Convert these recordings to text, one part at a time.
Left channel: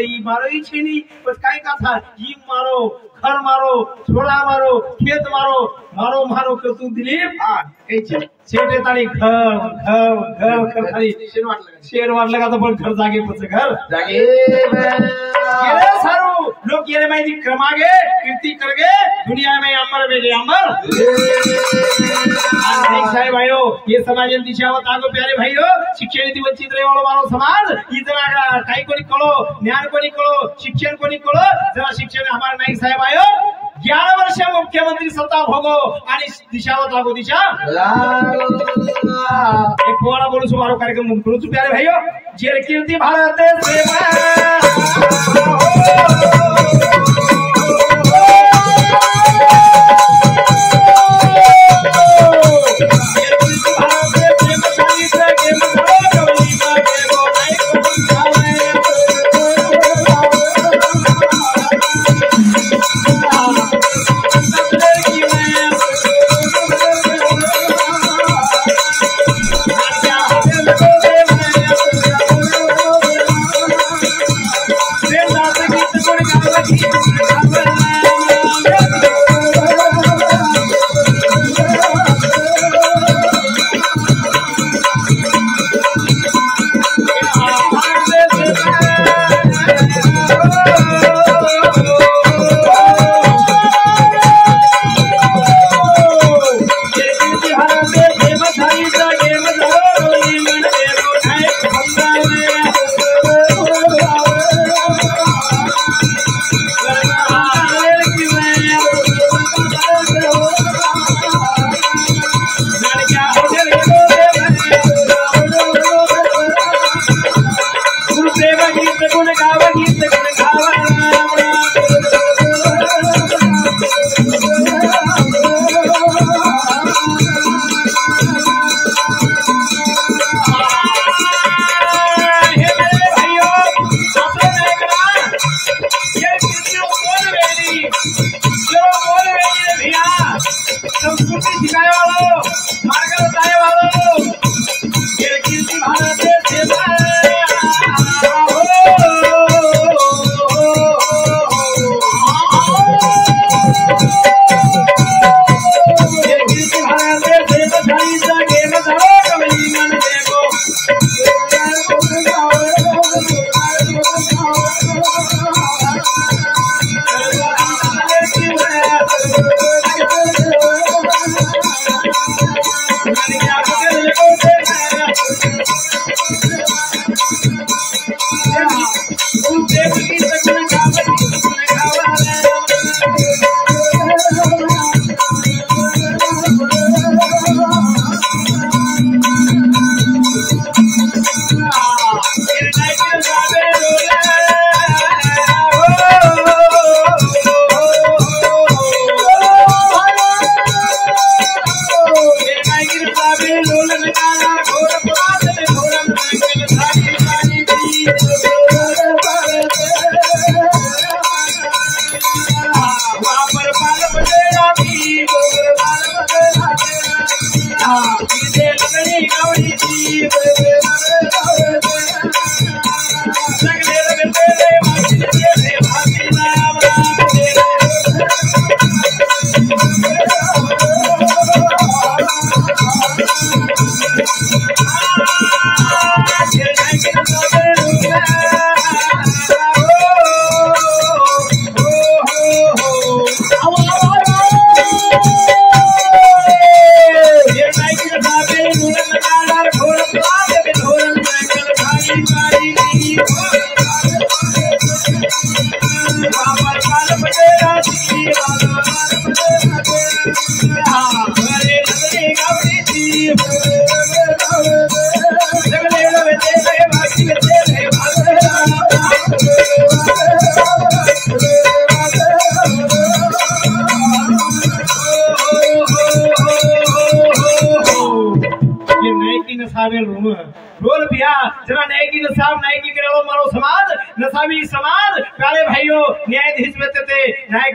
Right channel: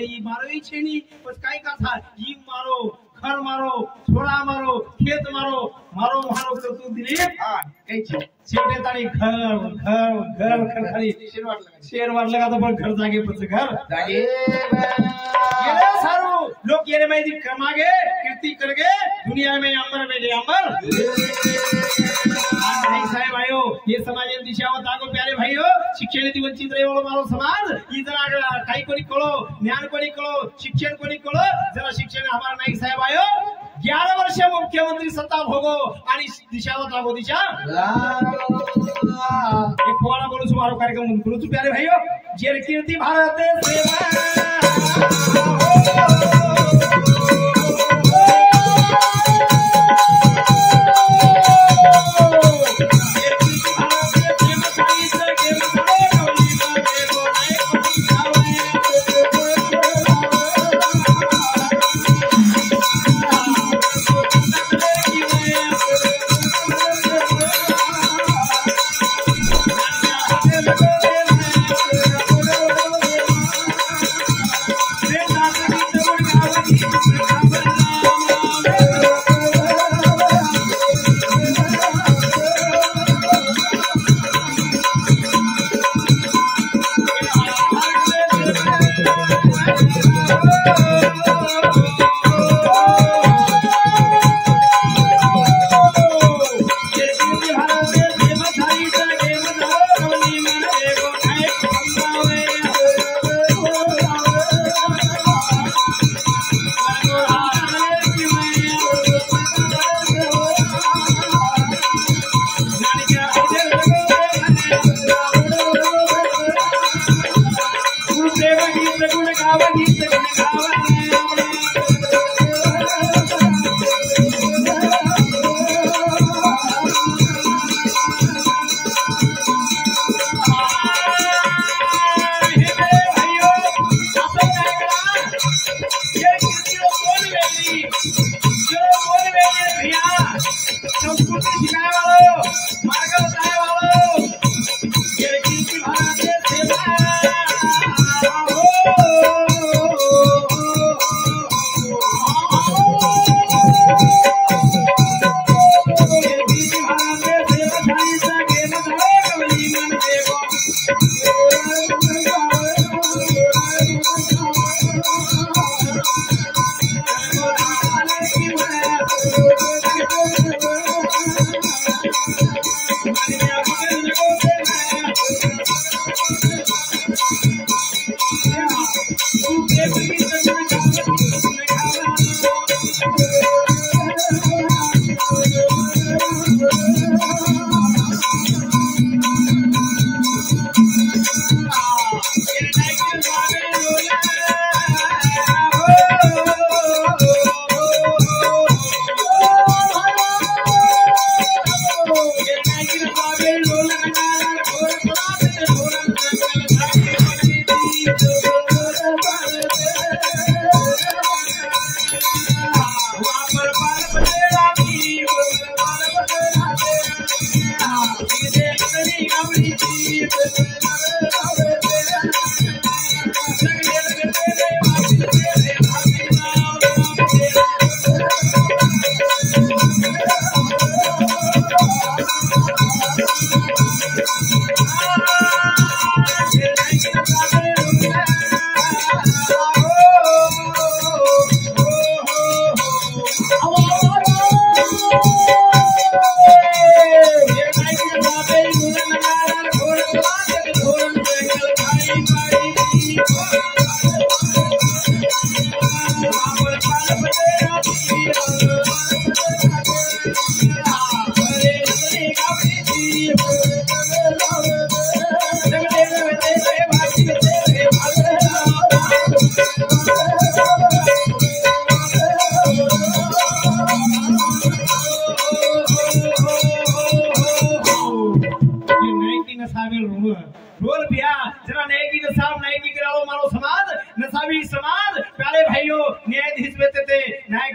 ई मारो ई छेनी बस काय का था ई मारो घर मारो छोड़ा मारो खेत मारो मारो मारो कर तू दिलीप काही शेटे तारी घर घर घर घर खाली शेर वाटलं का तर पण घर जागे पच घर जागे ये सारू लोग ये माहिती कमागे कीर्ती करगे दुनिया में अंबर बेगे अंबर साहेब भाइयों ये समाज दिशावत आगो प्यारे भाइयों शिक्षण नीति वंचित रहे वालों मारो समाज इतना काही कोणी कळो ज्ञान कोणी कळो शिक्षण कोणी कळो जरा शिक्षण हमारे नाईक साहेब आयो 11 वर्ष मुख्यमंत्री सत्ता भोगो आणि दिशावत आगो दिशा एक पोवाड़ा बोलू सुमारो कार्यक्रम करू छु प्यारे भाइयों जेर कीर्ति भारत सेवा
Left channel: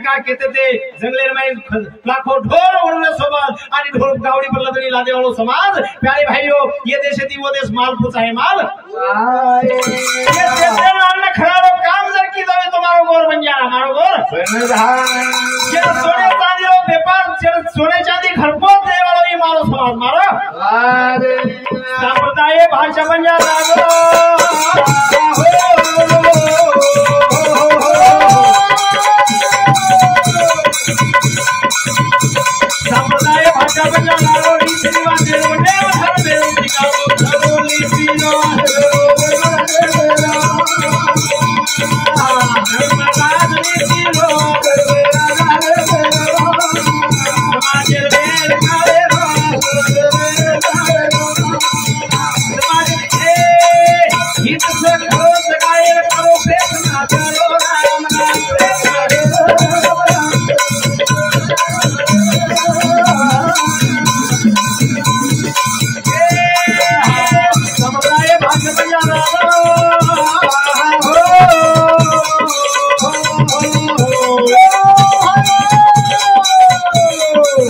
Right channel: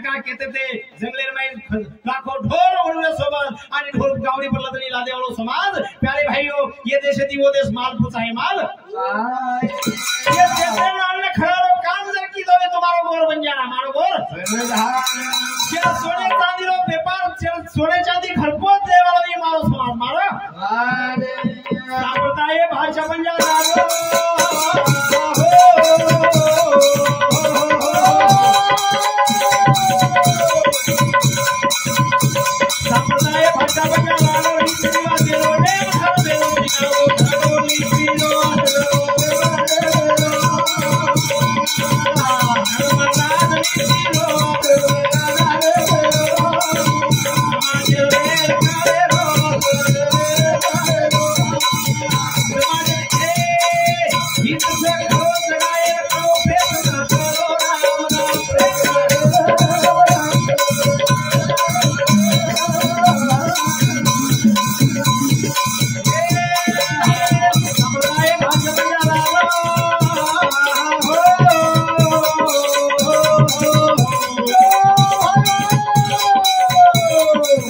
का कहते थे जंगले में लाखों ढोल उड़ने सोबत आणि ढोल गावडी पडला तरी लादे वालो समाज प्यारे भाइयों ये देश थी वो देश माल पूछा है माल ये देश ने खराब काम जर की तो तुम्हारो गोर बन जाना हमारो गोर ये सोने चांदी रो व्यापार सोने चांदी खरको दे वालो ये मारो समाज मारो संप्रदाय भाषा बन जाना संप्रदाय भाषा बन जाना रीति रिवाज देरो देव धर्म देरो निकालो धरो लीपी लो धर्मराज नीति लो समाज वेल काले रो समाज हित से करो सगाए करो प्रेम ना करो राम नाम समुदाय भाषा बन जाना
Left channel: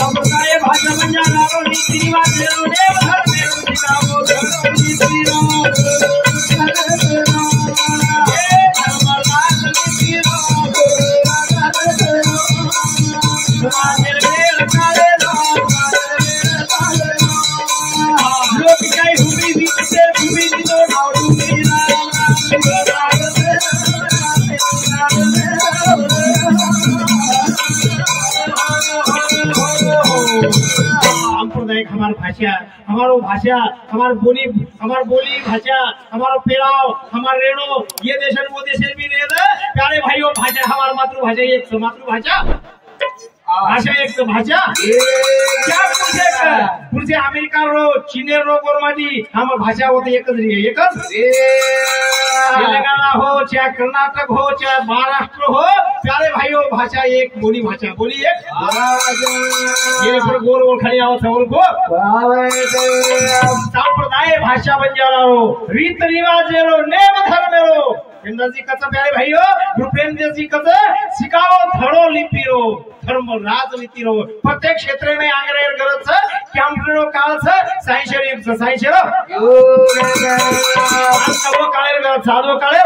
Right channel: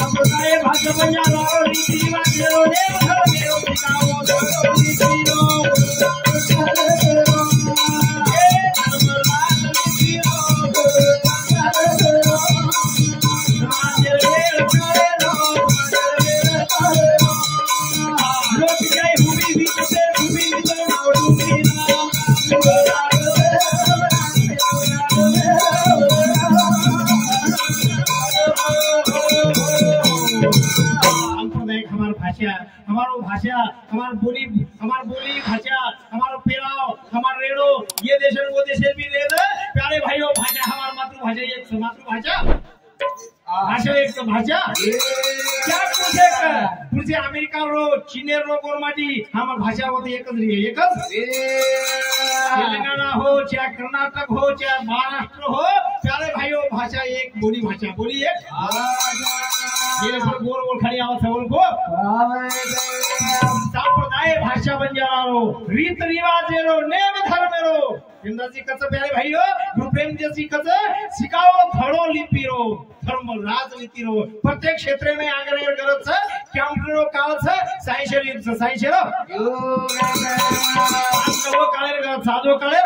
समुदाय भाषा बन जाना रीति रिवाज देरो देव धर्म देरो निकालो धरो नीति लो धर्मराज नीति लो समाज वेल काले लो लोक काय हुबी बीते हुबी दिलो नाडू मीना सांप्रदायिक हमारो भाषा हमार बोली भाषा हमारो पेराव हमार रेणो ये देशन वो देश भी रे प्यारे भाइयों भाषा हमार मातृभाषा एक मातृभाषा भाषा एक तो भाषा क्या पुढचे अमेरिका रो चीन रो गोरमाटी हम भाषा होते एकच तेलंगाना हो चाहे कर्नाटक हो चाहे महाराष्ट्र हो प्यारे भाइयों भाषा एक बोली एक ये पर गोल गोल खड़ी आओ सबल को संप्रदाय भाषा बन जा रहा हो रीत रिवाज रो नेम धर्म रो जी कच प्यारे भाइयों भूपेंद्र जी कच सिकाओ धड़ो लिपी रो धर्म राजनीति रो प्रत्येक क्षेत्र में आंग्रेर गरज कॅम्प्युटर काळ सायन्स काळे गरज साधो काळे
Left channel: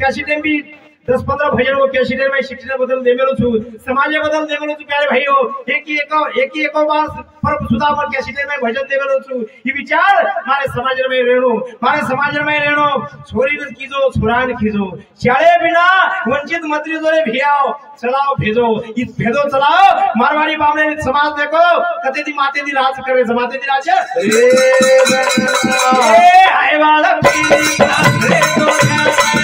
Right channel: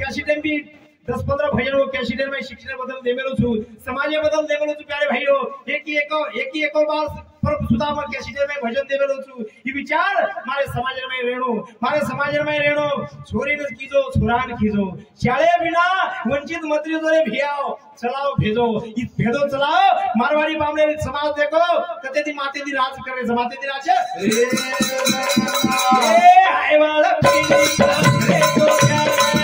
कैसेट भी 10-15 भजन को कैसेट में शिक्षण बदल दे मेलो छु समाज बदल दे मेलो छु प्यारे भाइयों एक ही बार पर सुधा में कैसेट में भजन दे मेलो छु ये विचार मारे समाज में रेणो छोरी न कीजो छोरा न कीजो शाळे बिना वंचित मंत्री जोरे भियाओ चलाओ भेजो इस भेजो चलाओ मारवाड़ी बामने समाज देखो कते दी माते दी राज करे समाते दी राज ए आए वाला पीली रे तो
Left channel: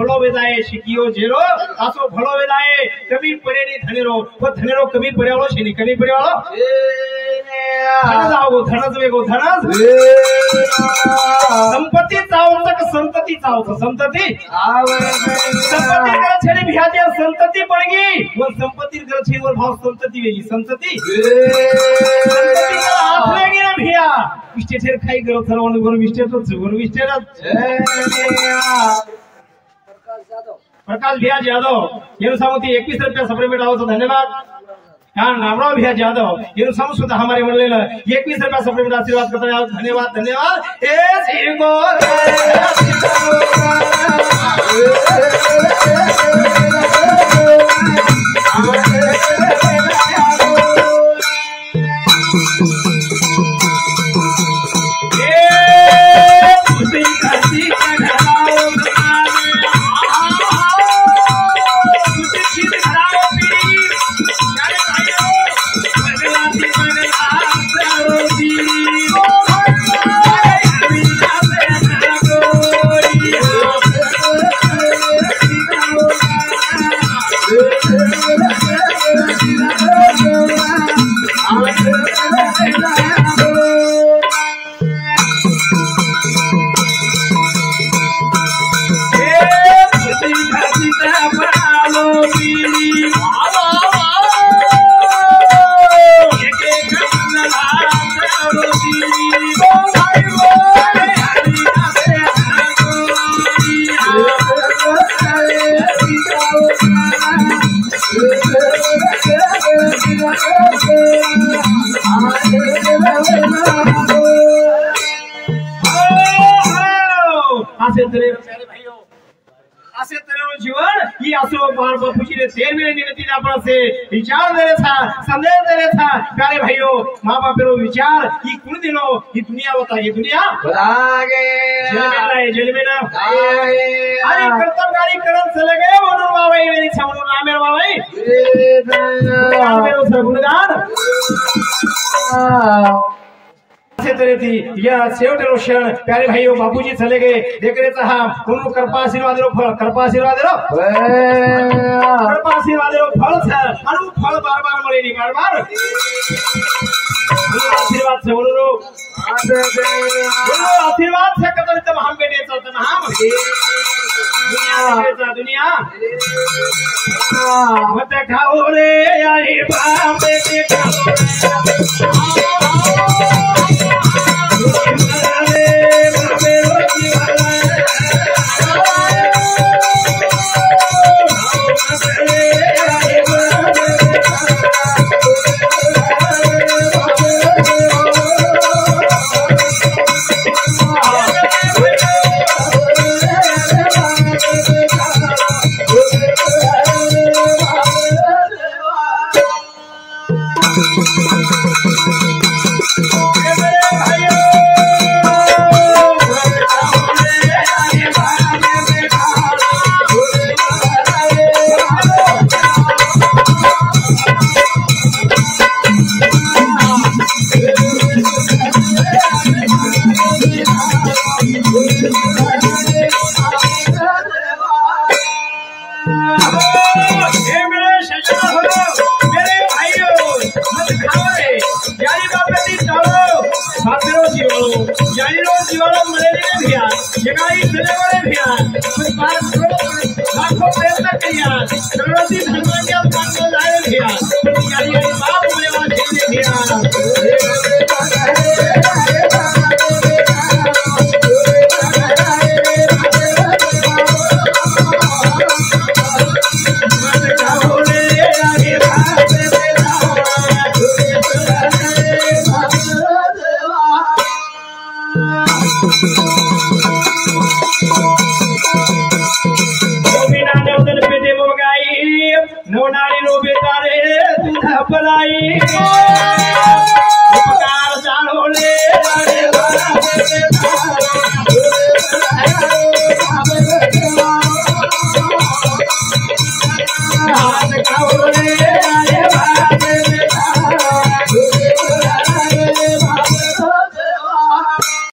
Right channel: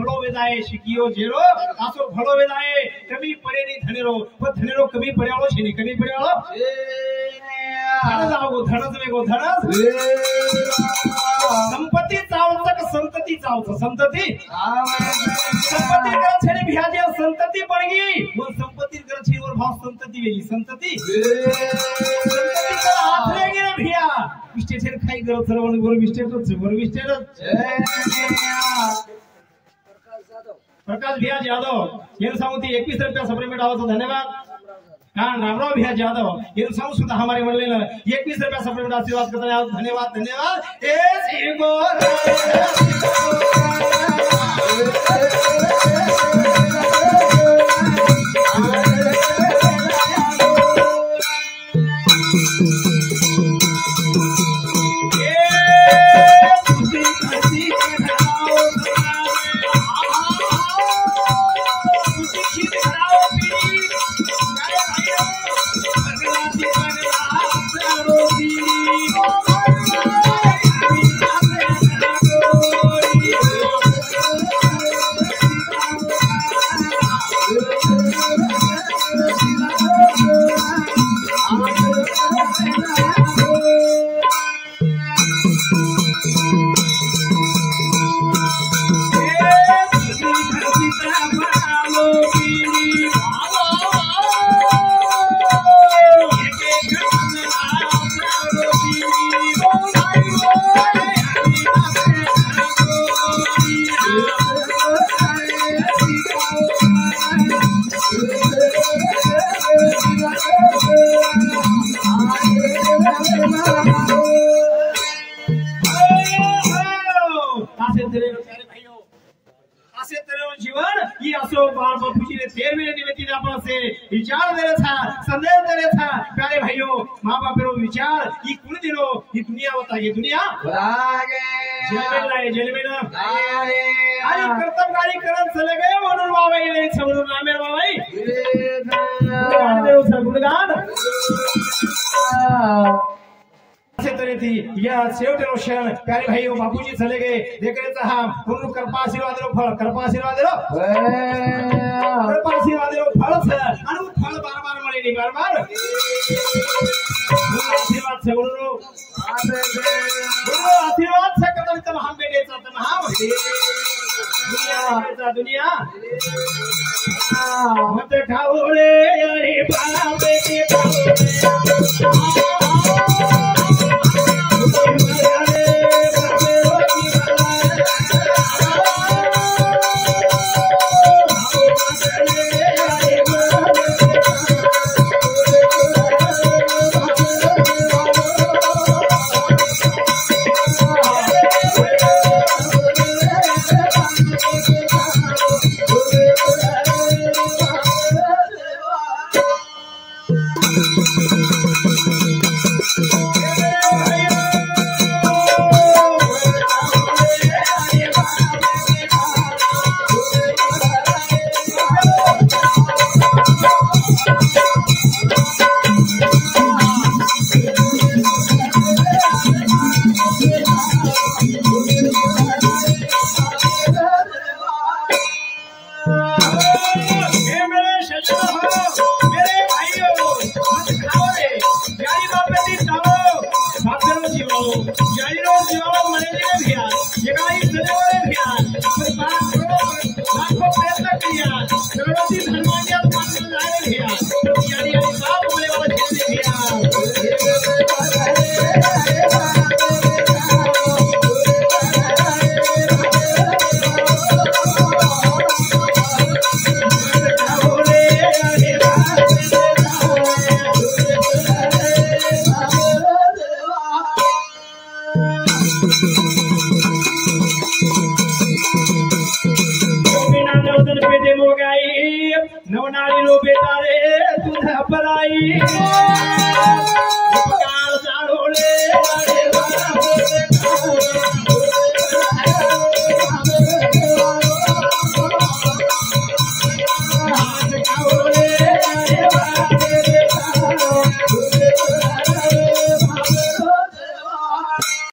भलो वेदाए शिकियो जेरो आसो भलो वेदाए कमी पड़े नहीं धनेरो वो धनेरो कमी पड़े वालो छे नहीं कमी पड़े वालो धनज आओ धनज वेगो धनज संपत्ति चावतक संतति चावत संतति संपत्ति कर छेली बिहाजे संतति पड़ गई वो संपत्ति कर छे वो भाव संतति वेगी संतति संतति का हाथ लेगी ना भैया स्टेटर खाई करो थरवन वर स्टेटर प्रकाश भैया जाधव ये सामुती 21 रुपया सप्रेमेट आओ तो धन्यवाद रामराव भैया जाधव ये सामू सुद्धा हमारे मंडल 21 रुपया सप्रेमेट आशीर्वाद करता जाओ धन्यवाद धन्यवाद विचार दे रहा था संदेश दे रहा था प्यारे भाइयों माँ बाप विचार ये कुल दिनों ये दुनिया बता ये दुनिया जेल में ना अरे कर्तव्यकारी करण चले गए मनोर बाबाई मेरी छमनूर नामेर बाबाई गुणगान से तेरे थी यह सेवट रोशन प्यारे भाइयों बाबूजी चले गए देख रहे था उनको कृपा आशीर्वाद दो फल कृपा आशीर्वाद दो कृपा आशीर्वाद दो फल से अनु फल बार बार मरे नहीं बार बार आशीर्वाद से बोलो आशीर्वाद से कदर तब हम बेटे चलते ना हम दुनिया मत खाओ रे यारी बाप बेटे खाओ Thank you.